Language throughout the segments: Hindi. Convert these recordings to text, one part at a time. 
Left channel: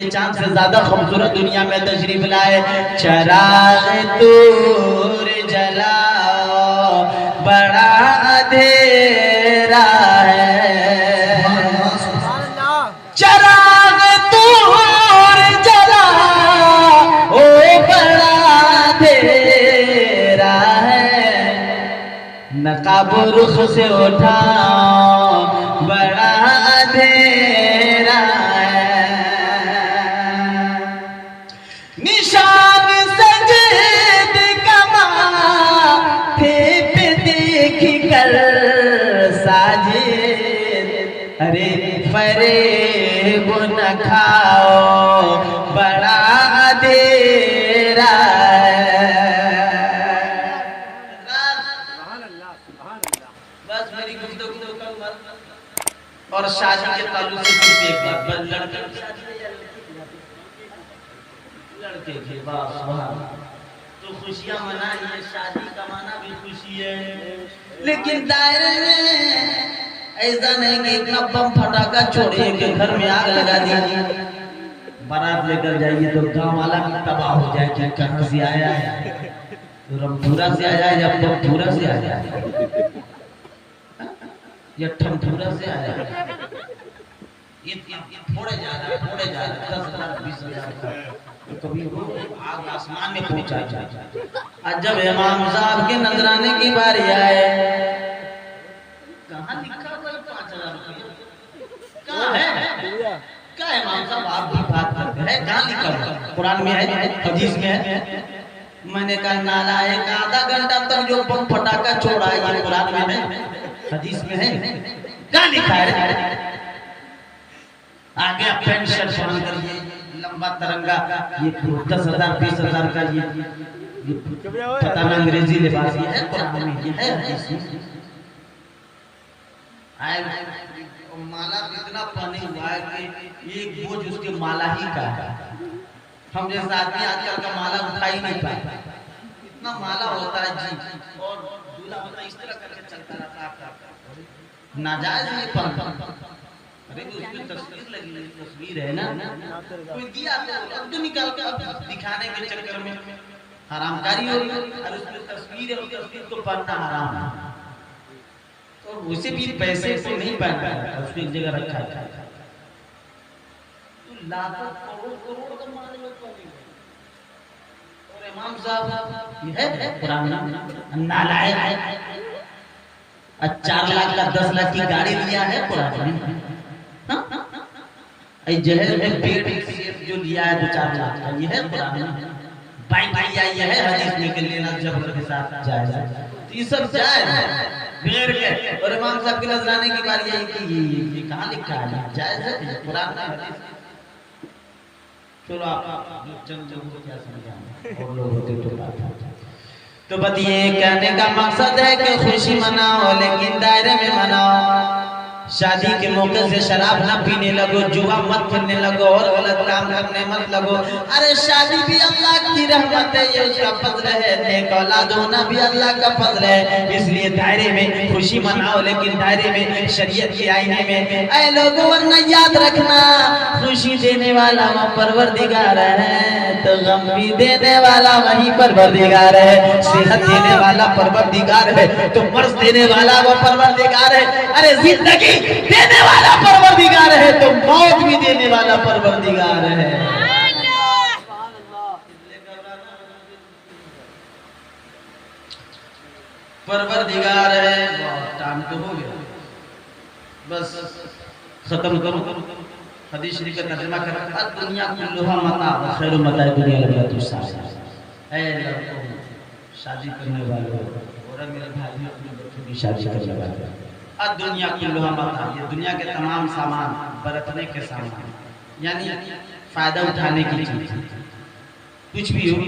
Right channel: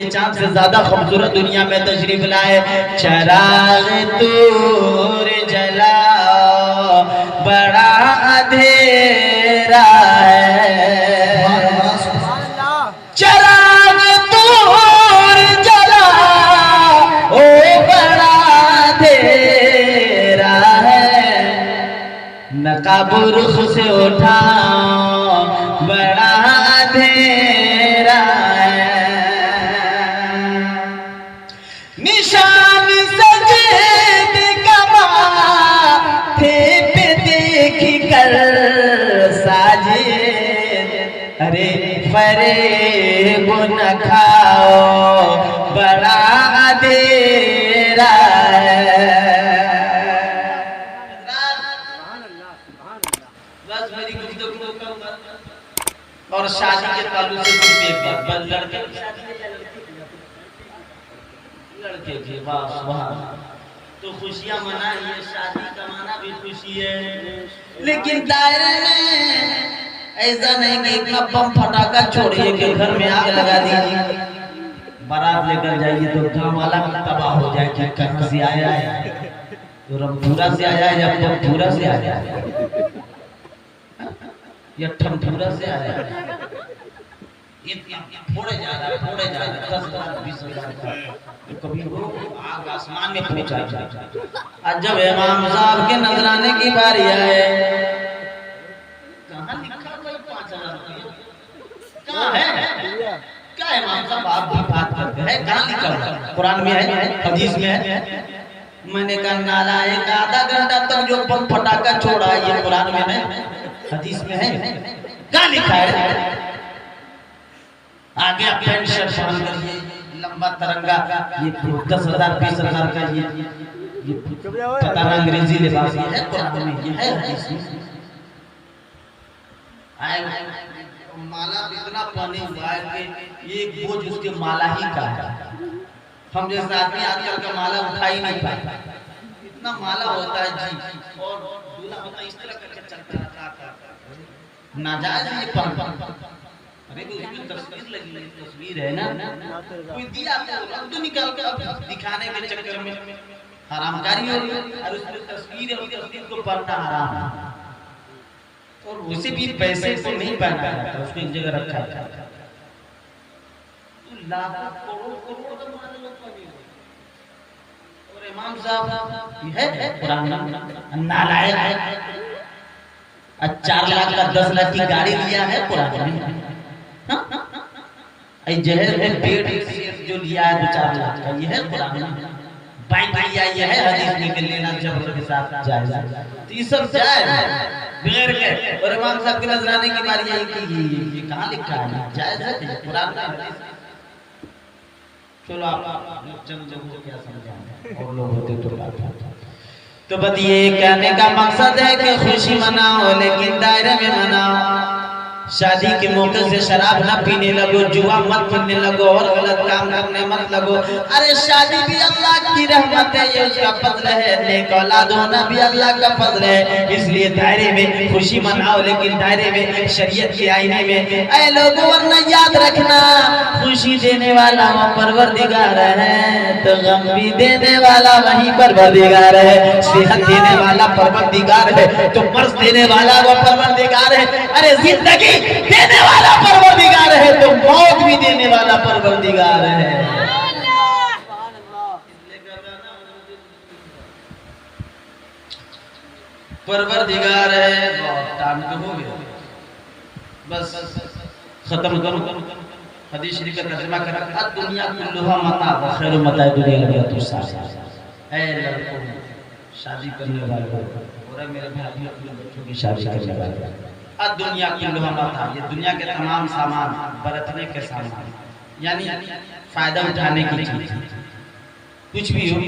चांद से ज्यादा खूबसूरत दुनिया में तशरीफ लाए। चराग तूर जला बड़ा अंधेरा है, चराग तूर जला ओ बड़ा अंधेरा है, नकाब रुख से उठा बड़ा अंधेरा है, निशान सजद कमाथे पे देख कर साजिद, अरे फरेब न खाओ बड़ा अंधेरा बस मेरी गुफ्तगू और शादी के ताल्लुक से बस लड़के के बस वहाँ तो खुशियाँ मनाइए, शादी कमाना भी खुशी है, लेकिन दायरे में ऐसा नहीं कि इतना बम फटाका छोड़िए कि घर में आग लगा दीजिए, बारात लेकर जाइए तो घर वाला तबाह हो जाए कि कहाँ से आया है, तो रमपुरा से आया है या पमपुरा से आया है या ठमपुरा से आया है, फोड़े जा रहा है 10,000 20,000 कभी आग आसमान में पहुंचा जाए। आज जब इमाम साहब के नजराने की बारी आए, कहाँ लिखा हुआ 5,000 रुपये कहाँ है? क्या इमाम साहब आप भी बात करते हैं, कहाँ लिखा हुआ? कुरान में है, हदीस में है? मैंने कहा नाला एक आधा घंटा तक जो बम फटाका छोड़ा ये कुरान में है, हदीस में है, क्या लिखा है? आगे पैंट शर्ट पहन कर ये लंबा तरंगा, ये 10,000 20,000 का ये पता ना अंग्रेजी लिबास ये है कुरान में, ये है हदीस में। माला इतना पहने हुआ है कि एक बोझ उसके माला ही का है, हम जैसे आदमी आजकल का माला उठा ही नहीं पाता, इतना माला होता है जी, और दूल्हा होता इस तरह करके चलता रहता है, नाजायज ये पहन, अरे उसकी तस्वीर लगी है, तस्वीर है ना, कोई दिया तो रख दो निकाल के, अब दिखाने के चक्कर में हरामकारी हो रही है, और उसमें तस्वीर है, उस तस्वीर को पढ़ना हराम है, और उसे भी पैसे से नहीं पहना है, उसको एक जगह रखा है, लाखों करोड़ तो मान लो कभी, और इमाम साहब ये है कुरान में नालायक 4 लाख का 10 लाख की गाड़ी लिया है कुरान में, जहर में पेट जो लिया है 2-4 लाख का, ये है कुरान में, बाइक लिया ये है हदीस में कि लेना जबर के साथ जायज है, तो ये सब जायज है बगैर के, और इमाम साहब के नजराने की बात यही कि ये कहाँ लिखा है, जायज है कुरान में हदीस। चलो आप चंद लोगों को क्या समझाएं, और लोग होते तो बात तो बताइए, कहने का मकसद है कि खुशी मनाओ लेकिन दायरे में मनाओ, शादी के मौके से शराब न पीने लगो, जुआ मत खेलने लगो, और गलत काम करने मत लगो, अरे शादी भी अल्लाह की रहमत है, ये उसका फजल है, नेक औलाद होना भी अल्लाह का फजल है, इसलिए दायरे में खुशी मनाओ लेकिन दायरे में शरीयत के आईने में। ऐ लोगों वरना याद रखना, खुशी देने वाला वो परवरदिगार है, तो गम भी देने वाला वही परवरदिगार है, सेहत देने वाला परवरदिगार है, तो मर्ज देने वाला वो परवरदिगार है, अरे जिंदगी देने वाला परवरदिगार है, तो मौत भी देने वाला परवरदिगार है। परवरदिगार है, टाइम तो हो गया, बस खत्म करो, हदीस शरीफ का तर्जुमा कर, दुनिया कुल्लुहा मता व खैरु मता दुनिया लगा। ऐ लड़कों शादी करने वालों और मेरे भाई अपने बच्चों की शादी करने वाले, दुनिया कुल्लुहा मता, ये दुनिया के तमाम सामान, बरतने के सामान, यानी फायदा उठाने की चीज, कुछ भी हो,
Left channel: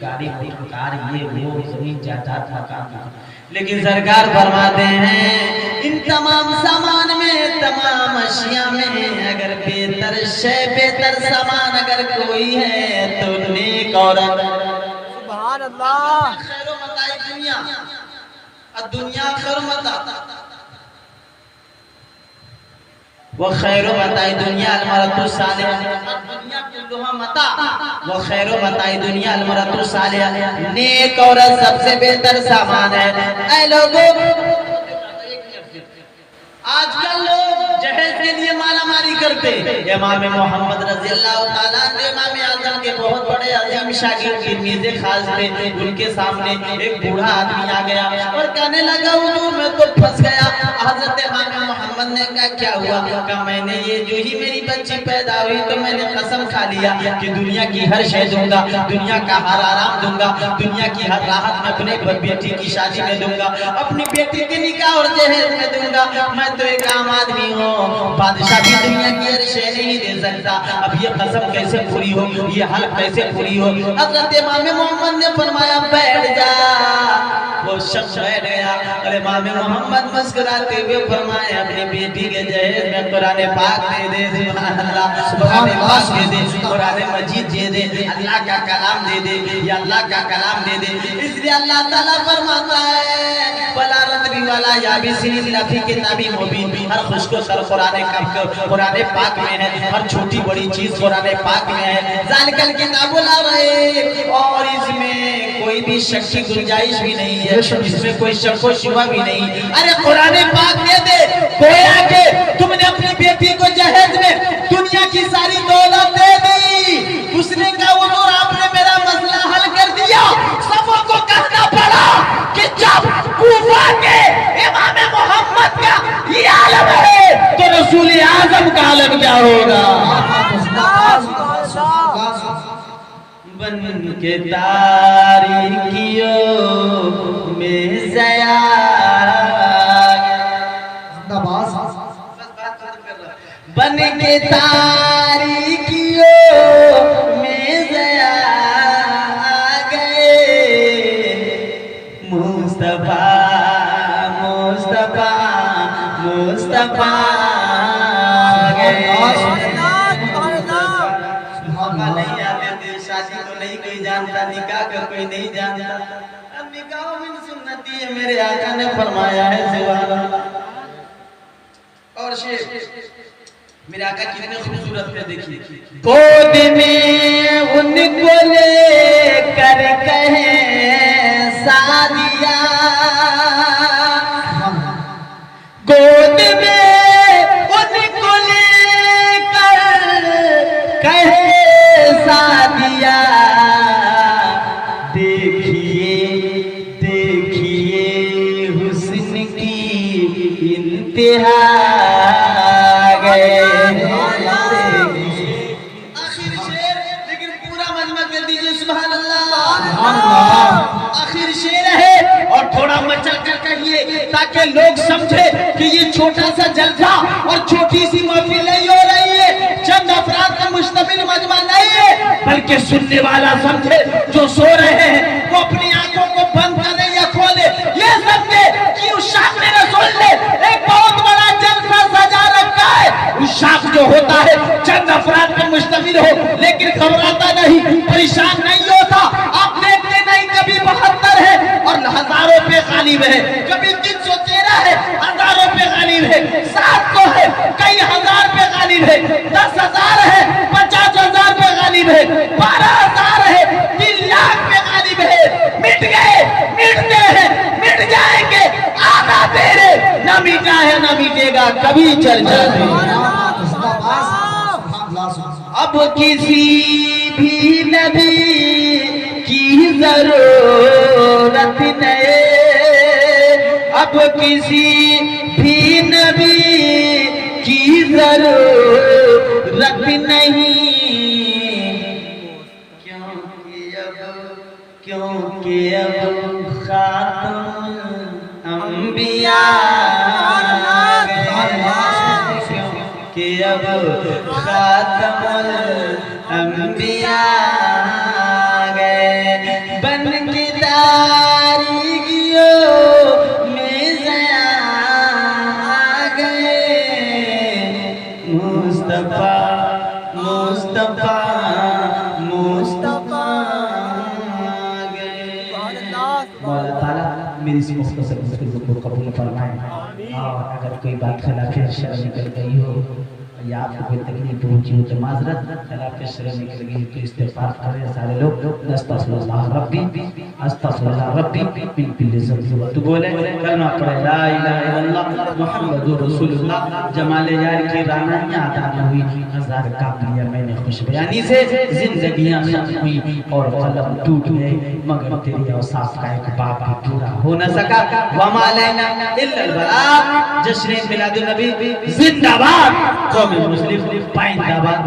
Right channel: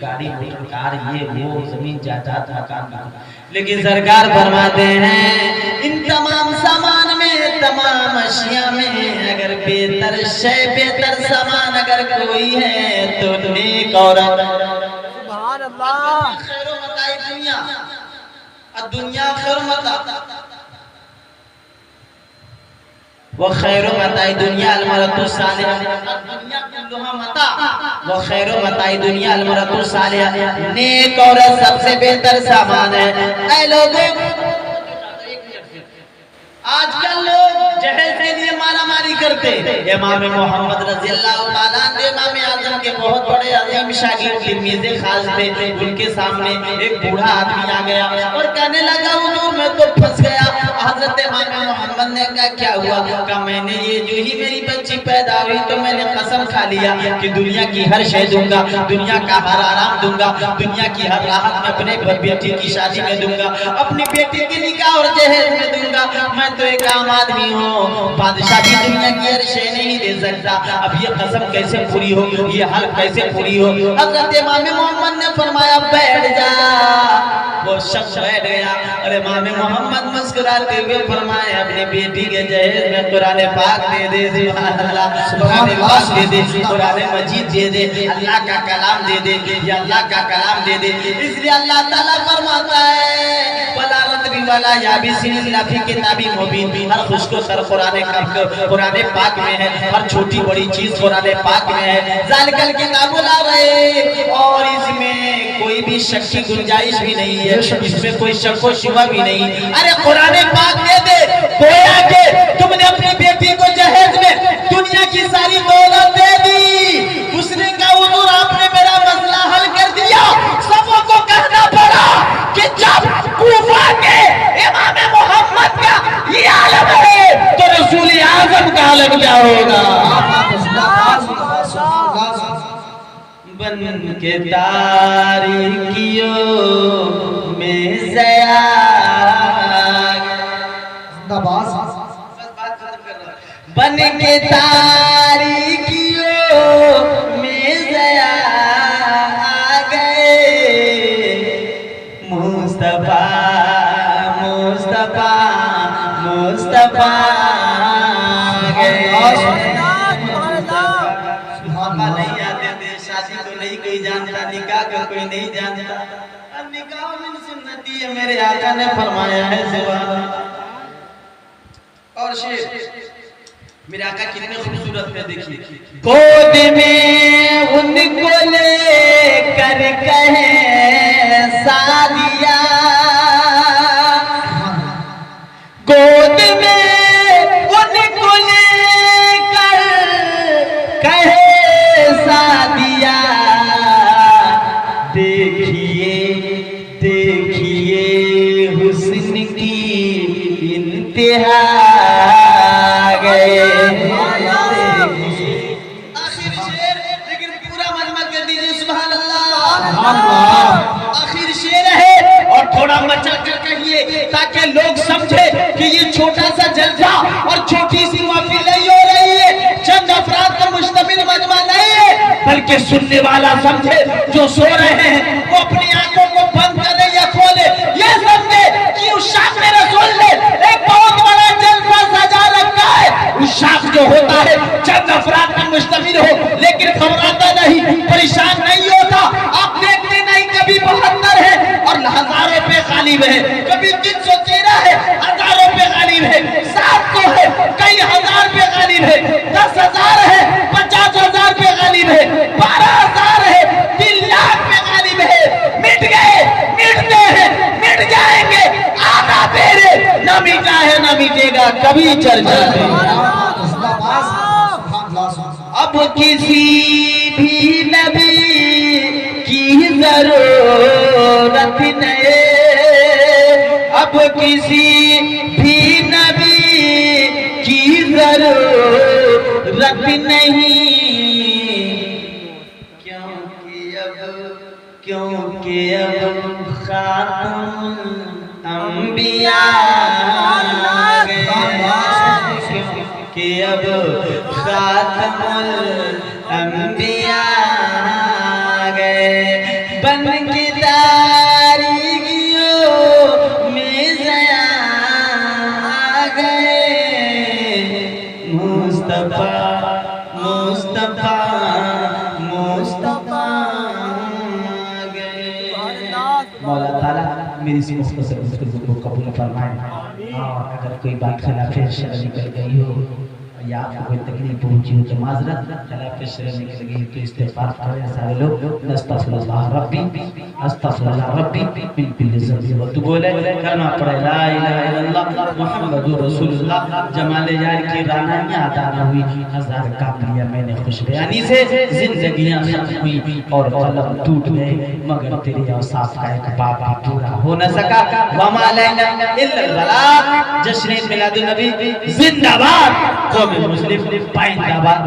गाड़ी कार ये वो जमीन जायदाद मकान, लेकिन सरकार फरमाते हैं इन तमाम सामान में, तमाम अशिया में अगर बेहतर शय, बेहतर सामान अगर कोई है तो नेक औरत, सुभान अल्लाह, खैरो मताई दुनिया, दुनिया खैर मता, वो खैरो मताई दुनिया अलमरतु सालिहा, दुनिया कुल्लुहा मता वो खैरो मताई दुनिया अलमरतु सालिहा, नेक औरत सबसे बेहतर सामान है। ऐ लोगों, आजकल लोग जहेज के लिए मालामाली करते। इमाम मोहम्मद रज़ियल्लाहु ताला इमाम आज़म के बहुत बड़े अजीम शागिर्द तिरमिज़ी खास थे, उनके सामने एक बूढ़ा आदमी आ गया और कहने लगा हुजूर मैं तो फंस गया। हज़रत इमाम मोहम्मद ने कहा क्या हुआ? कहा मैंने ये जो ही मेरी बच्ची पैदा हुई तो मैंने कसम खा लिया कि दुनिया की हर शय दूंगा, दुनिया का हर आराम दूंगा, दुनिया की हर राहत मैं अपने बेटी की शादी में दूंगा, अपनी बेटी के निकाह और जहेज में दूंगा। मैं तो एक आम आदमी हूँ, बादशाह भी दुनिया की हर शय नहीं दे सकता। अब ये कसम कैसे पूरी हो, ये हल्फ कैसे पूरी हो? हज़रत इमाम मोहम्मद ने फरमाया बैठ जा। वो शख्स बैठ गया और इमाम मोहम्मद मुस्कुराते हुए फरमाया अपनी बेटी के जहेज में कुरान पाक दे दे, सुभान अल्लाह, कुरान पाक दे दे, कुरान मजीद दे दे, अल्लाह का कलाम दे दे, या अल्लाह का कलाम दे दे। इसलिए अल्लाह ताला फरमाता है वला रतबी वला याबिसिन लफी किताबी मुबीन, हर खुशको सर कुरान पाक में है, हर छोटी बड़ी चीज कुरान पाक में है। ज़ालिकल किताबुल ला रहे, और इसमें कोई भी शक की गुंजाइश भी नहीं है, इसमें कोई शक व शुबा भी नहीं। अरे कुरान पाक दे दे, गोया के तुमने अपनी बेटी को जहेज में दुनिया की सारी दौलत दे दी। उसने कहा हुजूर आपने मेरा मसला हल कर दिया। सबों को कहना पड़ा कि जब कूफा के इमाम मोहम्मद का ये आलम है तो रसूल आजम का आलम क्या होगा? बन के तारीकियों में ज़या, बन के तारीकियों में ज़या आ गए मुस्तफा मुस्तफा मुस्तफा गए। नहीं आते थे, शादी को नहीं कोई जानता, निकाह को कोई नहीं जानता। निकाह में सुन्नती है, मेरे आका ने फरमाया है सुभान अल्लाह। और शेर मेरे आका कितने खूबसूरत है, देखिए गोद में उनको लेकर कहे सादिया, गोद में उनको लेकर कहे सादिया। देखिए देखिए हुस्न की इंतहा गए। आखिर शेर, लेकिन पूरा मजमा कर दीजिए सुभान अल्लाह। आखिर शेर है और थोड़ा मचा कर कहिए ताकि लोग समझे कि ये छोटा सा जलसा और छोटी सी महफिल नहीं हो रही है, चंद अफराद का मुश्तमिल मजमा नहीं है, बल्कि सुनने वाला समझे जो सो रहे हैं वो अपनी आंखों को बंद करे या खोले, ये समझे कि उस शाख में रसूल ने एक बहुत बड़ा जलसा सजा रखा है। उस शाख जो होता है चंद अफराद पर मुश्तमिल हो लेकिन घबराता नहीं, परेशान नहीं होता। आप देखते नहीं कभी 72 है और हजारों पे गालिब है, कभी 313 है हजारों पे गालिब है, 700 है कई हजार पे गालिब है, 10,000 है 50,000 पे गालिब है, 12,000 है 3 लाख पे गालिब है। मिट गए, मिटते हैं, मिट जाएंगे, आना तेरे न मिटा है न मिटेगा कभी चर्चा नहीं। अब किसी भी नबी की जरूरत नहीं, अब किसी भी नबी की जरूरत नहीं, क्योंकि अब खातमुल अंबिया कि अब खातमुल अंबिया गए। बन की तारीकियों में ज़या आ गए मुस्तफा मुस्तफा मुस्तफा गए। मौला ताला मेरी इस मुख्तसर गुफ्तगू को कबूल फरमाए। अगर कोई बात खिलाफ शर्म निकल गई हो या आपको कोई तकलीफ पहुंची हो तो माजरत, कला पे शर्म निकल गई तो इस्तिगफार करें सारे लोग, अस्तगफिरुल्लाह रब्बी मिन कुल्ली ज़ंब। तो बोले कलमा पढ़े ला इलाहा इल्लल्लाह मुहम्मदुर रसूलुल्लाह। जमाले यार की रानानियां अदा न हुई, हजार काफिया मैंने खुश बयानी से जिंदगियां खत्म हुई और कलम टूट गए, मगर तेरी औसाफ का एक बाप भी पूरा हो न सका। वमा लैना इल्लल बलाग। जश्न मिलादुन नबी जिंदाबाद, कौम मुस्लिम पाइंदाबाद।